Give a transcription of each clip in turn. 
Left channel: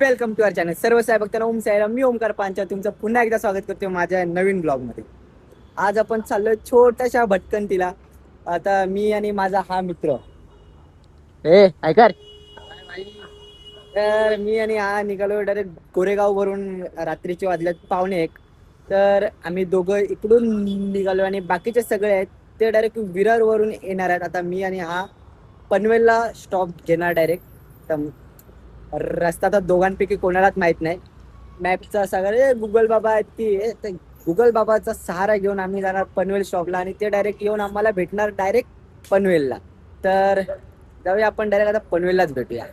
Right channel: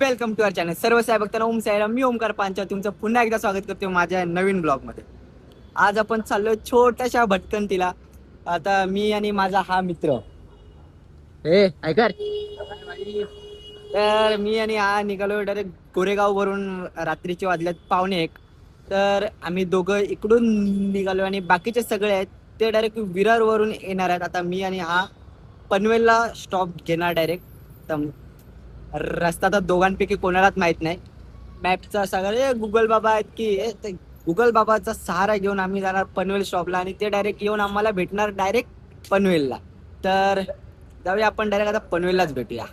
Welcome to our channel. सर्व साहेब बघताना ओम साहेब, मी ओमकार पांचा तुमचं पुन्हा एकदा स्वागत करतो माझ्या नवीन ब्लॉगमध्ये. आज आपण चाललोय छोट्याशा भटकंतीला. आता मी आणि माझा हा मित्र ऐकर, तर मी आणि हा निघालो डायरेक्ट गोरेगाव वरून. रात्रीचे वाजल्यात 1:45. तर आम्ही दोघं इकडून निघालो आणि बाकीचे सगळे आहेत ते डायरेक्ट विरार वरून येणार आहेत. आता मी आणि हा पनवेलला स्टॉप घेणार डायरेक्ट. तर रस्ता तर दोघांपैकी कोणालाच माहित नाही. मॅपचा सगळे गुगल बाबा आहेत की गुगल बाबाचा सहारा घेऊन आम्ही जाणार पनवेल स्टॉपला आणि ते डायरेक्ट येऊन आम्हाला भेटणार डायरेक्ट पनवेलला. तर जाऊया आपण डायरेक्ट आता पनवेललाच भेटूया.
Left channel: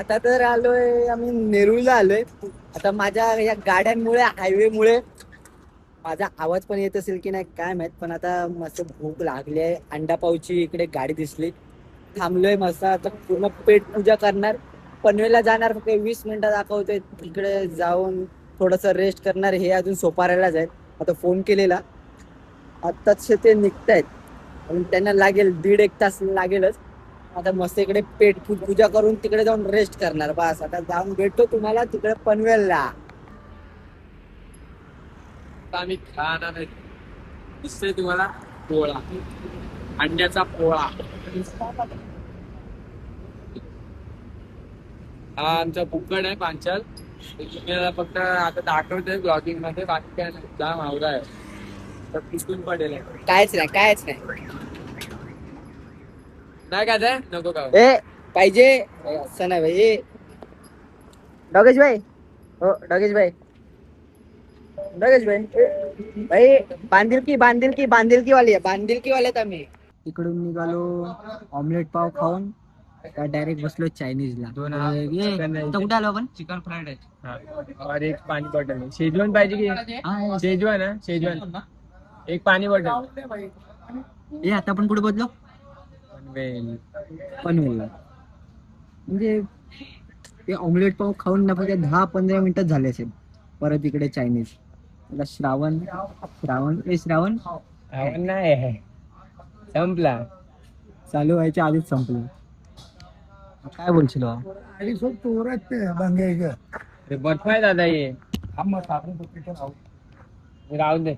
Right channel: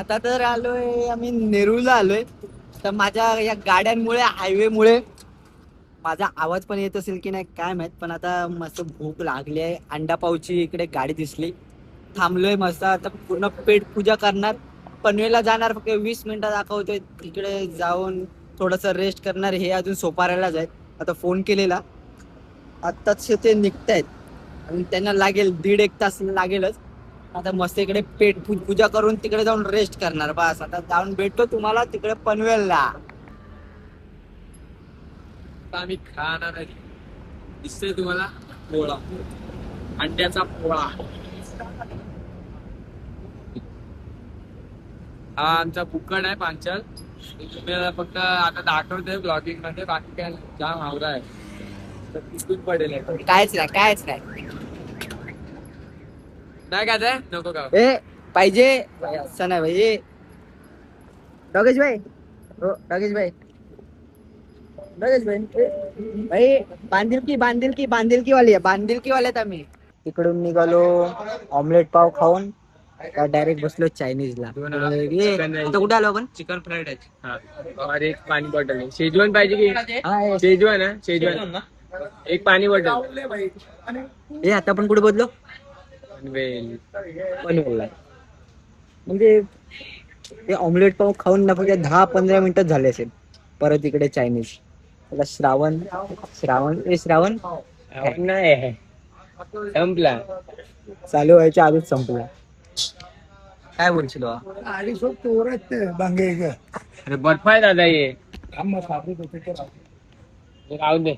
आता तर आलोय आम्ही नेरूळला आलोय. आता माझ्या या गाड्यांमुळे हायवेमुळे माझा आवाज पण येत असेल की नाही काय माहित, पण आता मस्त भूक लागली आहे. अंडा पावची इकडे गाडी दिसली, थांबलोय मस्त. आता पूर्ण पेट पूजा करणार, पनवेलला जाणार. फक्त 20 मिनिटं दाखवतोय. तिकडे जाऊन थोडंसं रेस्ट करणार. हे अजून सोपारायलाच आहेत. आता फोन केलेला, आत्ताच ते निघतायत आणि त्यांना लागेल 1.5-1 तास लागेलच. आता मस्त इकडे पेट पूजा करून तिकडे जाऊन रेस्ट करणार. बस आता जाऊन भेटतो तुम्हाला तिकडे पनवेलला. आम्ही खाणार आहे. दिसतोय तुम्हाला पोळा, अंड्याचा पोळा. हा आमचा बुक्कड आहे पांचाल. तुम्हाला फक्त आता दाखवतोय ब्लॉगिंग मध्ये, बाकी काय नाही. जाम आवरा आहे तर तिथून पडेल. कायच नाही नाही काय ते नको का पाहिजे असं नाही भाई. डॉगेश भाई, हो डॉगेश भाई भाई बांधिलकी वाली आहे. बांधिलकी वाले आहेत आम्ही. तिकडून निघालो ऑमलेट पाव खाऊन डायरेक्ट बसलो चायनीजला. कुठे आलो आपण? चिकन फ्राईड आहे और एक पाणी बॉटल आहे. शेजवान पाहिजे की शेजवान आहे? शेजवान एक पाणी बॉटल. आता आपण कुठे बदलो? पनवेल. म्हणजे ते ऑमलेट पाव खाऊन ना फक्त 10-15 मिनिटच झाले असेल. परत इकडे चायनीज. आता श्रावण नाही संपला, चालू व्हायच्या आधीच संपला. काय बोलशील अरे बर्फ आहे दादा. ये राहू दे.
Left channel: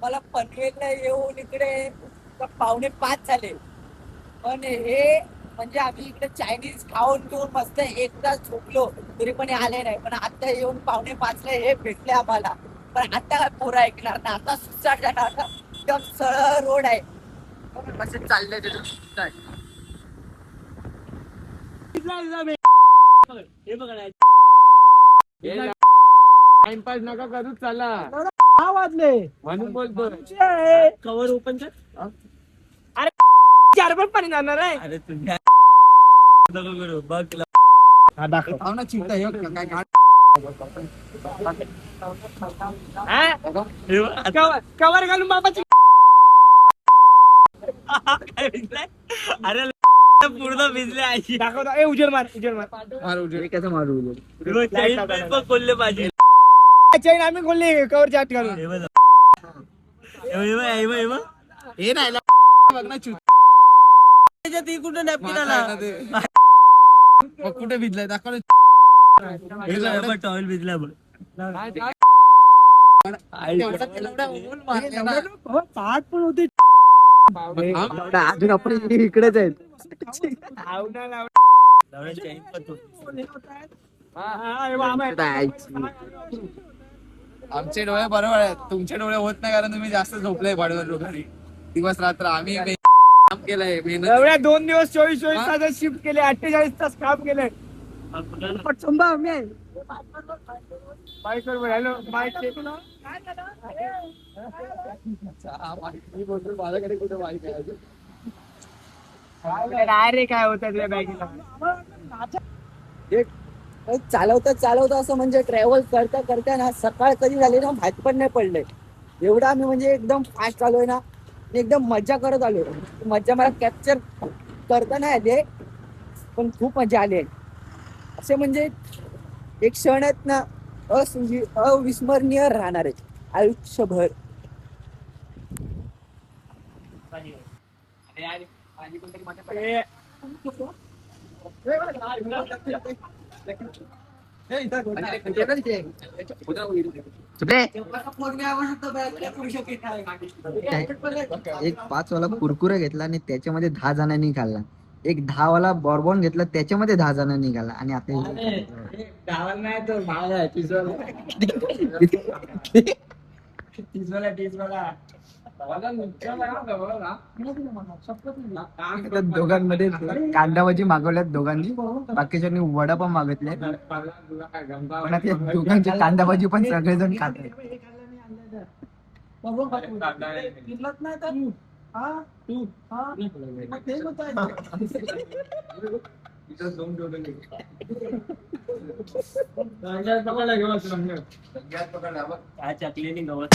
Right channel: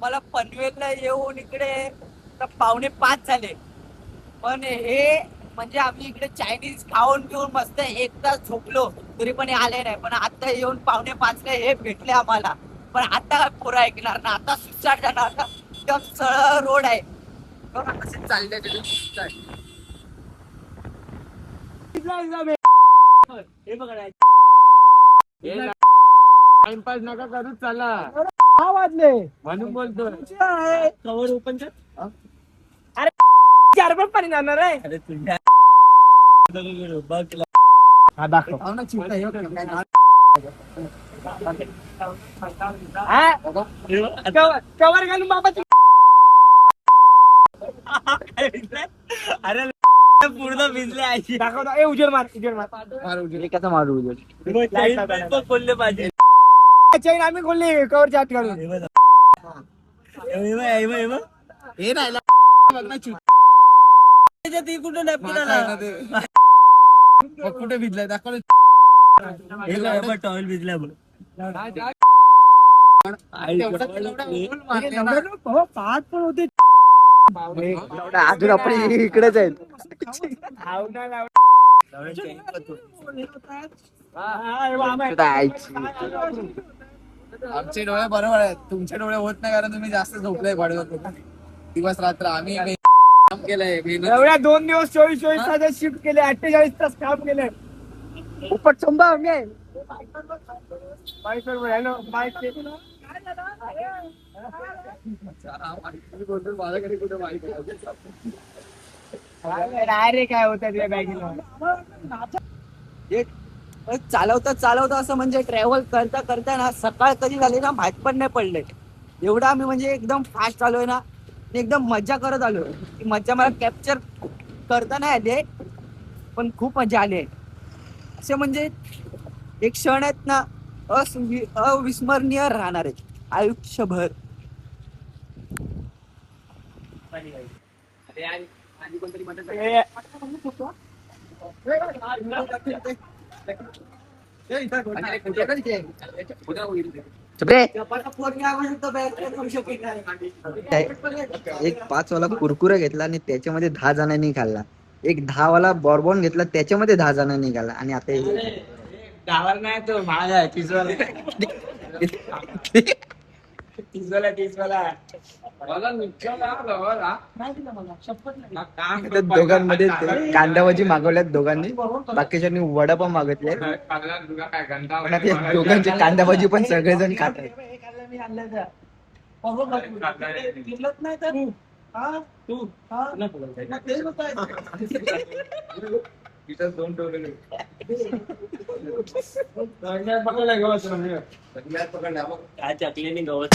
मला पनवेलला येऊन इकडे 4:45 झाले. पण हे म्हणजे आम्ही इकडे चायनीज खाऊन घेऊन मस्त 1 तास झोपलो तरी पण आले नाही. पण आता येऊन 4:45 हे भेटले आम्हाला. पण आता काय पोरं ऐकणार ना. आता सुसाट जाणार. आता एकदम सरळ रोड आहे. कसे चालले हे बघा टाइमपास नका करूच, चला. 6 वाजले म्हणून बोलतो. कवर ओपन कर. अरे 4 पण पाणी जाणार आहे. अरे तुझ्या बघ ना चिंता कवर घालून बाबाची. अरे पूर्ण भिजले आयची. दाखवता उजेड मार कसं मारू उजेड खोलले पाहिजे. चैन आम्ही खोलली कवरच्या आत घालून. हे राहिला कुठे नॅपकिन आला. कुठे भिजलाय दाखव. टॉवेल भिजला बघ. पाच पण होते अजून. आपण इकडेच आहेत. आमचे डोळे बरोबर आहेत, तुमचे डोळे होत नाही कारण तुम्ही जास्त झोपले भाडवर लोकांनी दिवस रात्र. आम्ही काम केलंय. 2 दिवस 24 तास शिफ्ट केले. 48 तास काम केले. माझ्याकडे कुठे माहिती रे काय होत बॅगीला. चालवता असं म्हणजे ट्रॅव्हल करता ना सकाळ कधी झाली ना माहित पण नाही पडले. एवढा आम्ही म्हणजे एकदम फास्ट आलोय ना आणि एकदम मजा करत आलोय. ती मजा मला कॅप्चर करता नाही आली, पण खूप मजा आली आहे. असे म्हणजे एक क्षण आहेत ना, अविस्मरणीय राहणार आहे आयुष्यभर. एक 5 वाला कुरकुरा घेतला आणि त्याच्यामध्ये 10 जणांनी खाल्ला. एक 10 वाला बॉर्बॉन घेतला त्याच्यामध्ये 10 जणांनी खाल्ला. आणि आता दोघांमध्ये कांदाभाजी मागवल्यात दोघांनी, बाकीच्यांनी वडापाव मागितले. पण आता या दोघांचे कांदाभाजी पण सगळेजण खात आहेत. काय चकलीने गवत.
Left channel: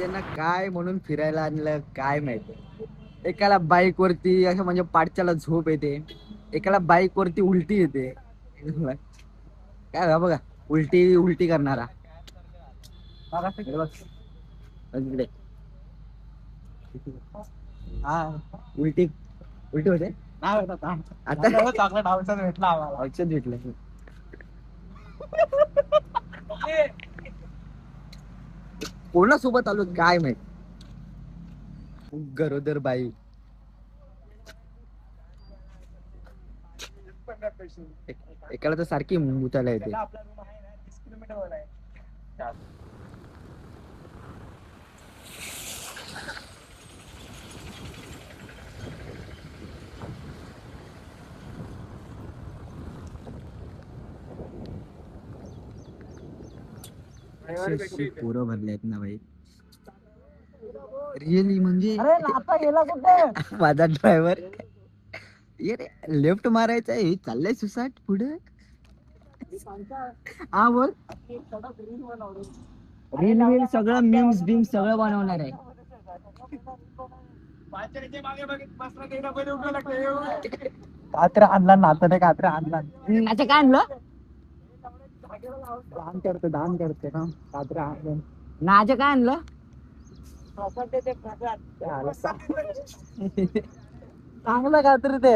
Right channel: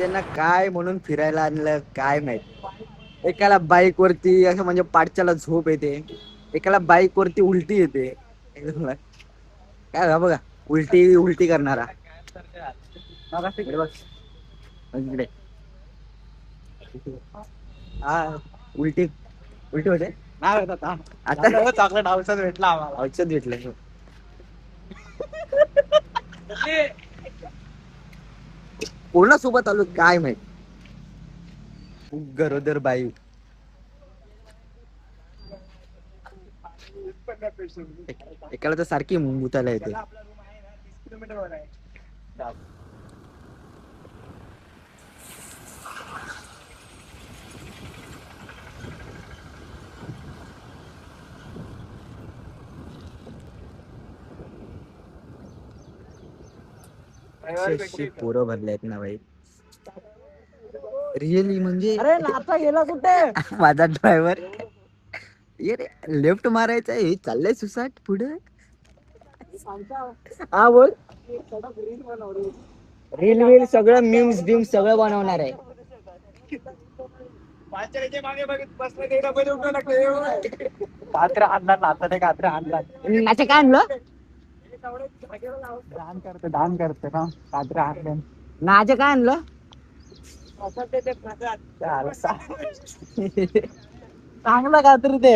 यांना काय म्हणून फिरायला आणलं काय माहिती. एकाला बाईक वरती असं म्हणजे पाठच्याला झोप येते, एकाला बाईक वरती उलटी येते. काय बघा बघा, उलटी उलटी करणारा. इकडे बघ. इकडे. हा उलटी उलटी होते. आता चॉकलेट औषध भेटला औषध भेटलं. कोणासोबत आलो काय माहित. गरोदर बाई. एकाला तर सारखी मुतायला येते. पोरं भरले आहेत ना भाई, रिअली म्हणजे. अरे नाचा गेला कुठे? माझा ड्रायव्हर ये रे, लेफ्ट मारायचं हे चाललंय सुसाट पुढे. हा बोल. रील वील सगळं मीम्स बिम्स सगळं बनवणार आहे. कात्र आणला नातं कात्र आणला नाचं काय आणलं? दान करते का कात्र आणलं नाचं काय आणलं? चांगला कात्र ते.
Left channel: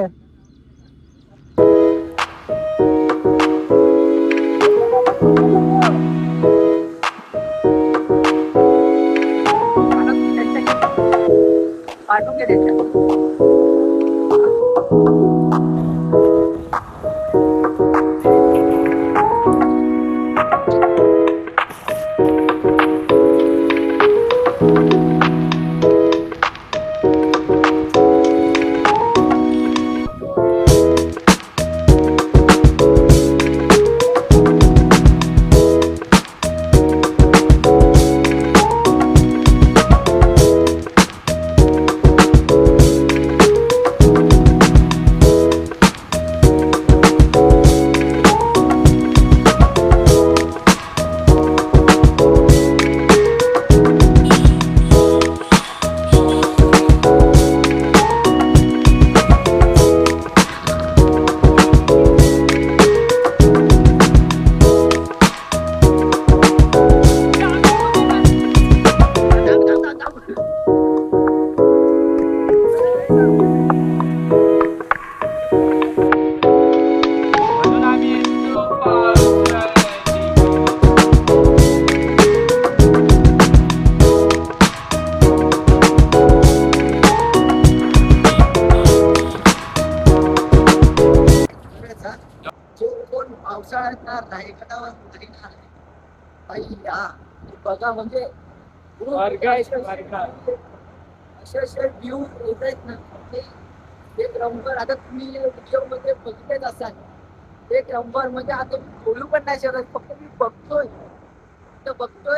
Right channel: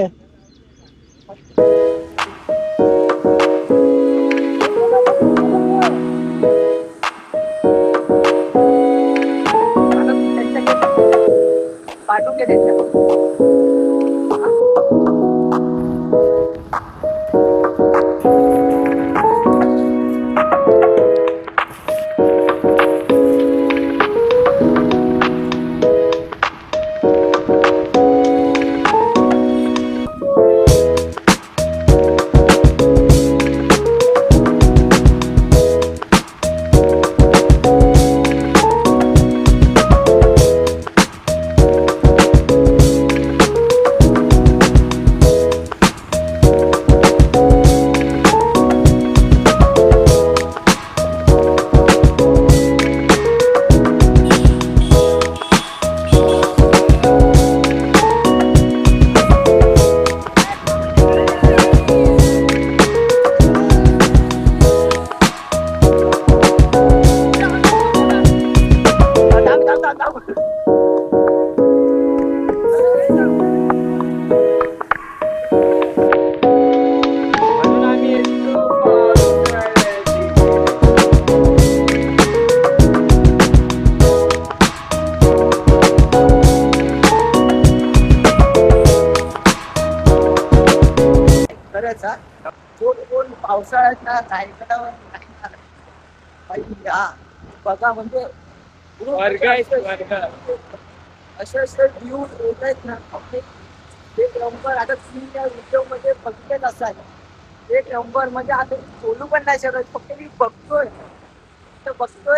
पाठवून घे त्याच्या. जो कोण पावसाळ्यात ना रायगडावर नाही ना बाई, हा बघा म्हणजे असे असे व्ह्यू येत आहेत ना आपले. एक नंबर. आता तुम्ही या व्हिडिओ मध्ये बघतेच असाल, एक नंबर. म्हणजे आता मी बोलू पण नाही शकत, फक्त मी बघतोय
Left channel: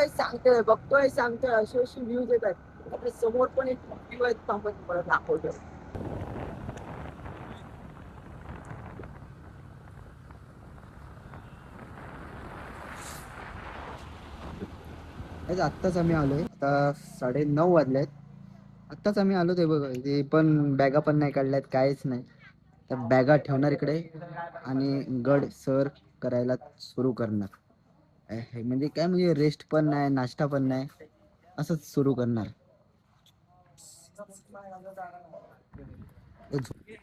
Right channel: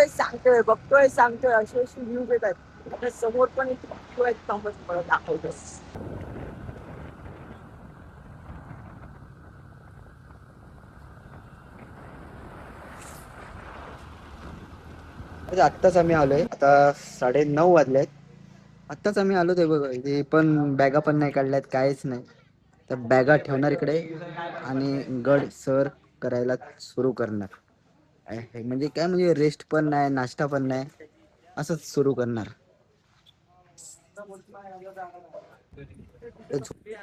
सांगतोय, बघतोय सांगतोय, असे असे व्ह्यूज येत आहेत. आता समोर पण एक view आहे, थांबा तुम्हाला दाखवतो. आत्ताच आम्ही आलोय, आता 9:30 वाजलेत. आत्ताच आम्ही आलो ते बघ, ते पण बॅगा पण नाही काढल्यात, काहीच नाही. त्या बॅगा ठेवणार इकडे आणि गड सर करायला सुरू करणार. म्हणजे काय, म्हणजे रेस्ट पण नाही, नाश्ता पण नाही, असंच सुरू करणार.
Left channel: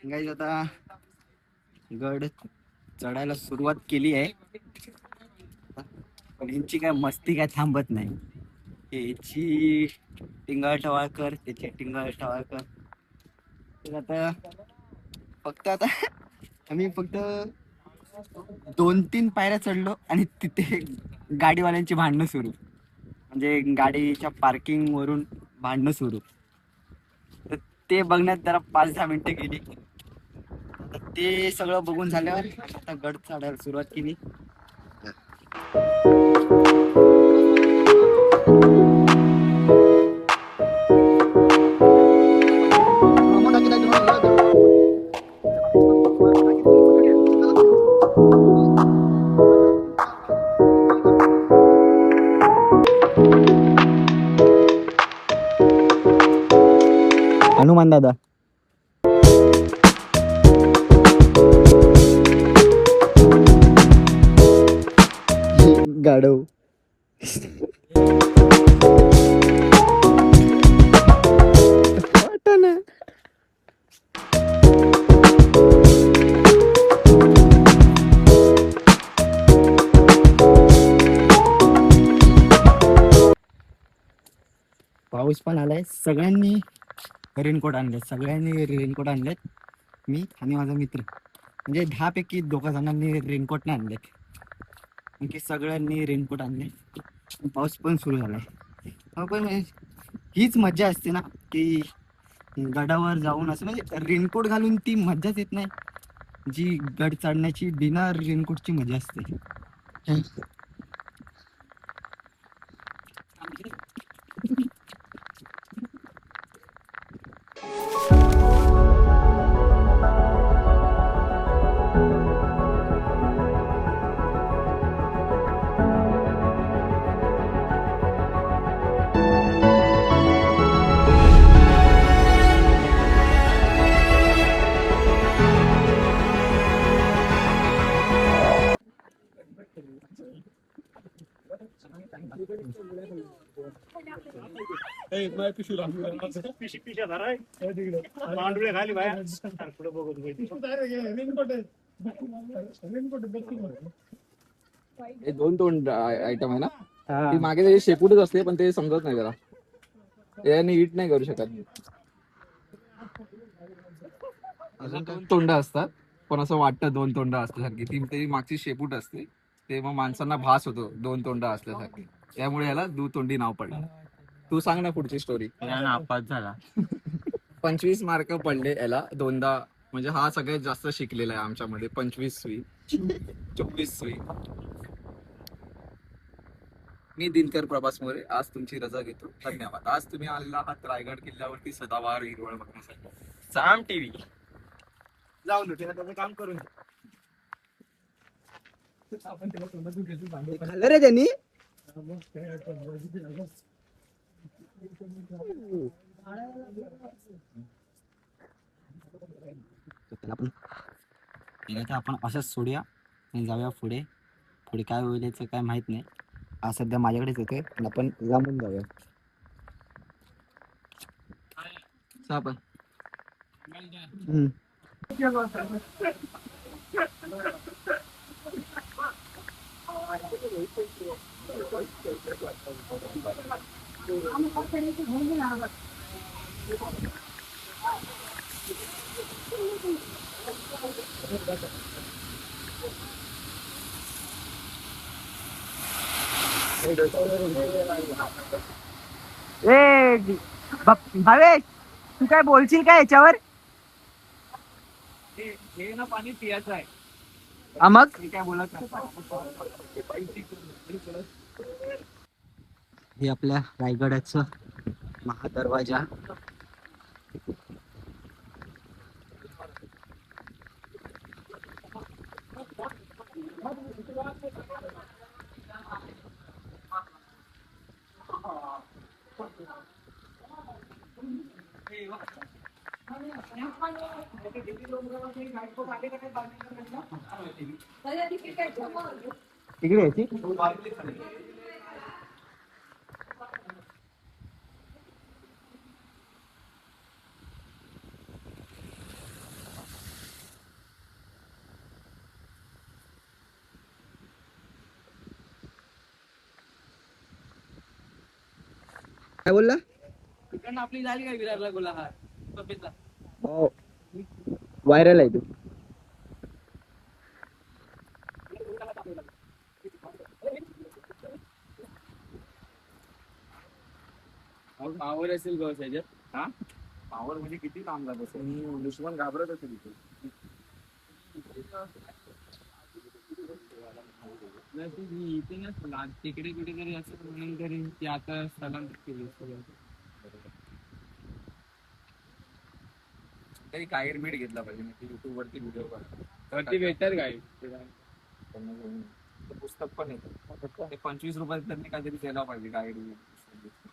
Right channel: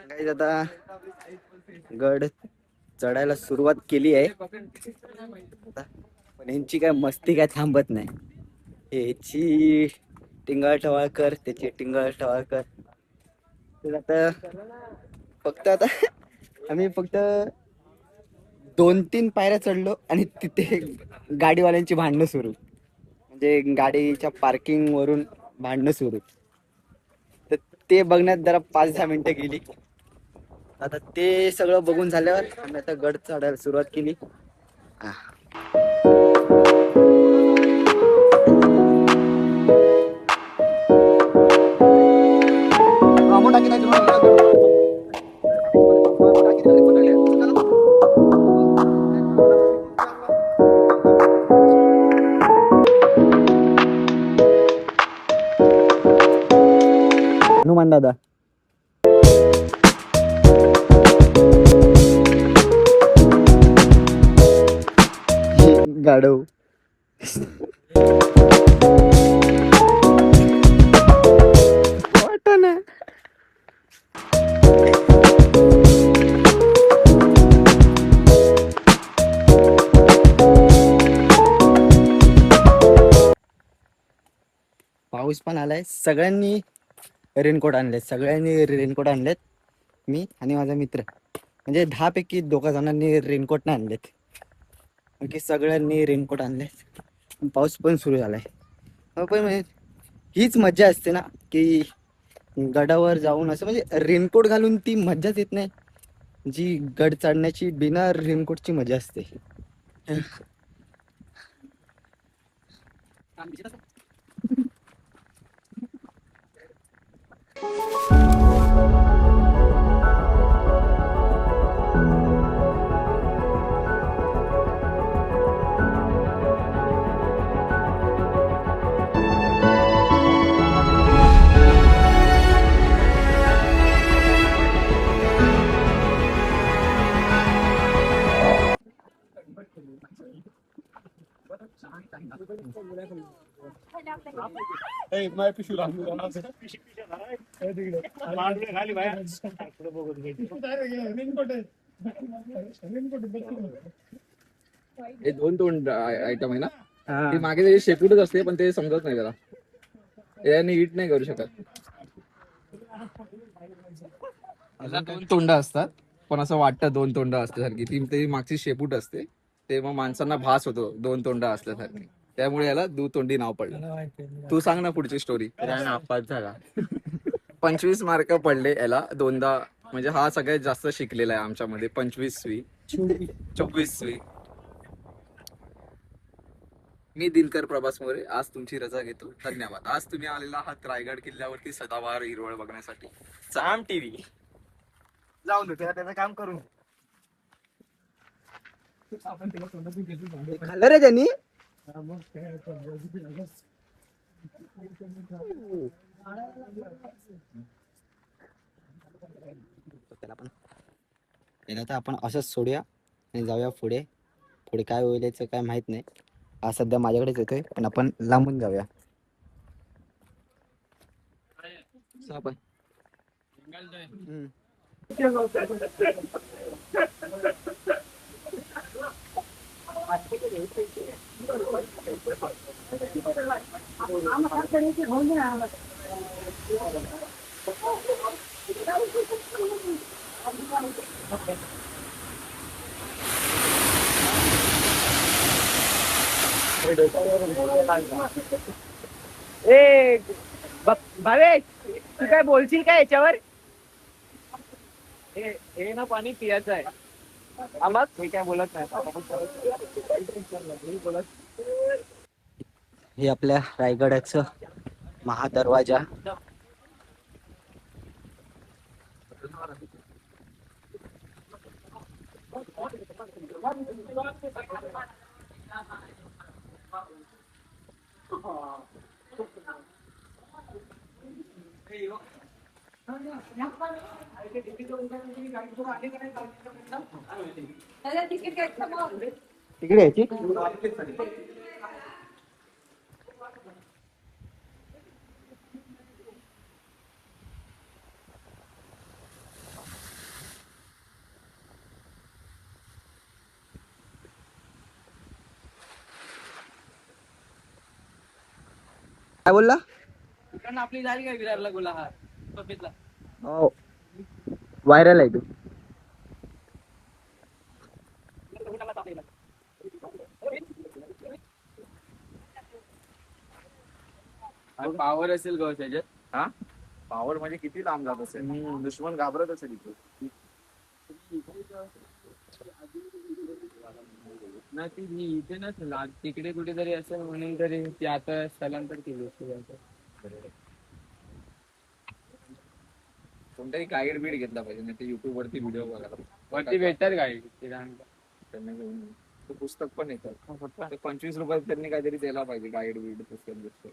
गाईज आता गड चढायला सुरुवात केली आहे, पण यांची काय मस्ती काय थांबत नाही. याची टिंगल टवाळकर, त्याची टिंगल टवाळकर. आता फक्त आता आम्ही फक्त 2-3 पायऱ्या चढलो आणि तिथे गाडीवाल्यांची भांडणं सुरू, म्हणजे गाडीच्या पार्किंग वरून भांडणं सुरू. तर ते बघण्यात जरा 5-10 मिनिटं गेली. आता ते सगळं बघून झाल्यावर आम्ही आता गड चढायला सुरुवात केली. हनुमान दादा गाडव वाटाणा. पाऊस पण आलाय, सगळ्यांनी रेनकोट आणलेत, मी आणि माझा मित्र. म्हणजे 10 पैकी 2 जणांनी रेनकोट नाही आणलेत, आणखी सगळ्यांनी रेनकोट आणलेत. पाऊस पण सुरू झालाय. पण म्हणजे हीच मजा असते ना, की गडावर जाऊन असं म्हणजे रेनकोट घालून ती मजाच येत नाही जी गड चढण्याची बिना रेनकोटची मजा असते. हे 2 आयटम आहे ना, ती मागे त्याची शेपूटच असते, पण ते समजत नाही त्याला, याने हिट नाही करू शकत. अजून 2 तोंड असतात, पण असं वाटतं 2 तोंड असल्यासारखी. ती त्याची मागची शेपूट असते, ते मग माणसांना भास होतो 2 तोंड असल्यासारखी, त्यामुळे याला दुतोंडी नाव पडलं. तू सांग ना पुढची स्टोरी. नापास झाला. 25 मार्क पडले याला 2दा, म्हणजे हा सगळ्यात जास्त शिकलेला आहे आमच्यामध्ये. 25वी 24वी. मी दिनकर प्रभास मोरे आज तुमची रजा घेतो. धन्यवाद. आज तुम्ही आलेला आहात रायगड किल्ल्यावरती सदाबहार हिरवळ बघण्यासाठी. साम टीव्ही जाऊन त्याचं काम करून खाल्लं रे त्यांनी. त्याला आपण असंच सोडूया आणि जाऊया पुढे. पुढे काय होईल याचं काय माहित नाही. आज सध्या माझ्याकडेच येतोय, पण आपण लांबून जाऊया. आपण भावेश, तू काय बोलशील का याच्यावर? हे ना पाणी पियाचं आहे. मग हे काय बोलत नाही. हे आपल्या रायगडाचं महादरवाजा. तिकडे यायची. काय बोलला? आपली झाली काय विरारला गोला हा पपितला. हो, व्हायरल आहे तू. पावर असेल गौस याच्यात. हा पावर म्हणजे किती लांब जात असेल, दुश्मन घाबरत असेल इथे. नाही ती इथे नसेल, तिकडे कुठेतरी असेल म्हणून तरी ती आता स्थलांतर केली असती त्यांचं. कोणतरी गाईड बीड घेतला पाहिजे, नाही ते युट्यूब वरती व्हिडिओ बघायला. वरती भेटतात गाडी त्यांना घेऊन ते पुस्तक पण येतात. ते 25 रुपयात त्यांनी काहीतरी द्यायला पाहिजे, गाईड बीड पुस्तक.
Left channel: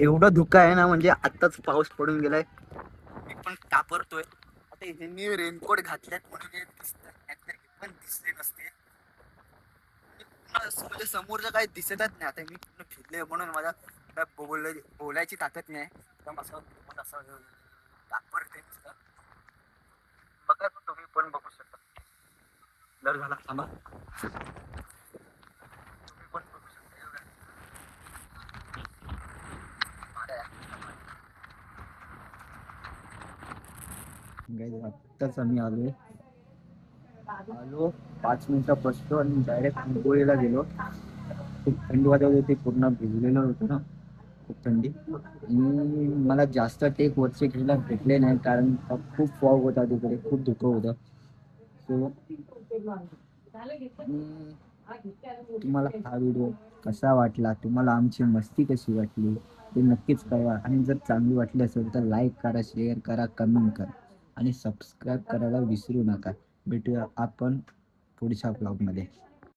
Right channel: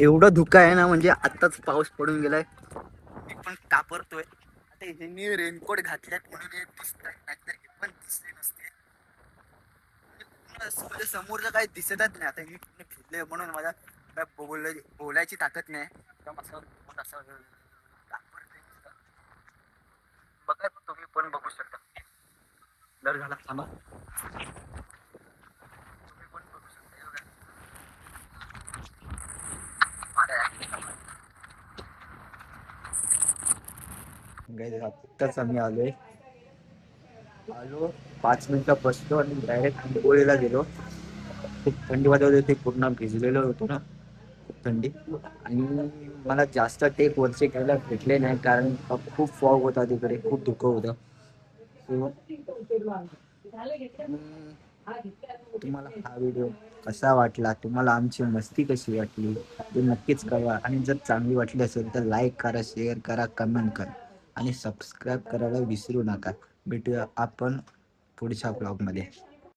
एवढं धुकं आहे ना, म्हणजे आत्ताच पाऊस पडून गेलाय, मी पण कापरतोय. आता ह्यांनी रेनकोट घातल्यात म्हणून हे दिसतंय, नाहीतर हे पण दिसले नसते. म्हणजे समोरचं काही दिसतच नाही. आता मी पूर्ण फिरले म्हणून मला बोलायची ताकद नाही. एकदम असं कापरते नुसतं. बघा तुम्ही पण बघू शकता. लर झाला थांबा. तुम्ही पण बघू शकता. आत्ताच आम्ही आलो 5 मिनिटं बसलो आणि डायरेक्ट आंबोळीला गेलो. खूप थंडी वाजत होती, पूर्ण भिजलेलो होतो ना, खूप थंडी. आणि मला जास्त टेक वरचे घ्यायला भेटले नाही, कारण खूप फॉग होता तिकडे, खूप धुकं होतं. तुम्हाला हा व्हिडिओ कसा वाटला, तुम्हाला आमची मस्ती कशी वाटली ते नक्कीच कळवा. आणि जर चांगली वाटली असेल तर लाईक करा, शेअर करा, कमेंट करा आणि सबस्क्राईब करायला विसरू नका. भेटूया आपण पुढच्या ब्लॉगमध्ये.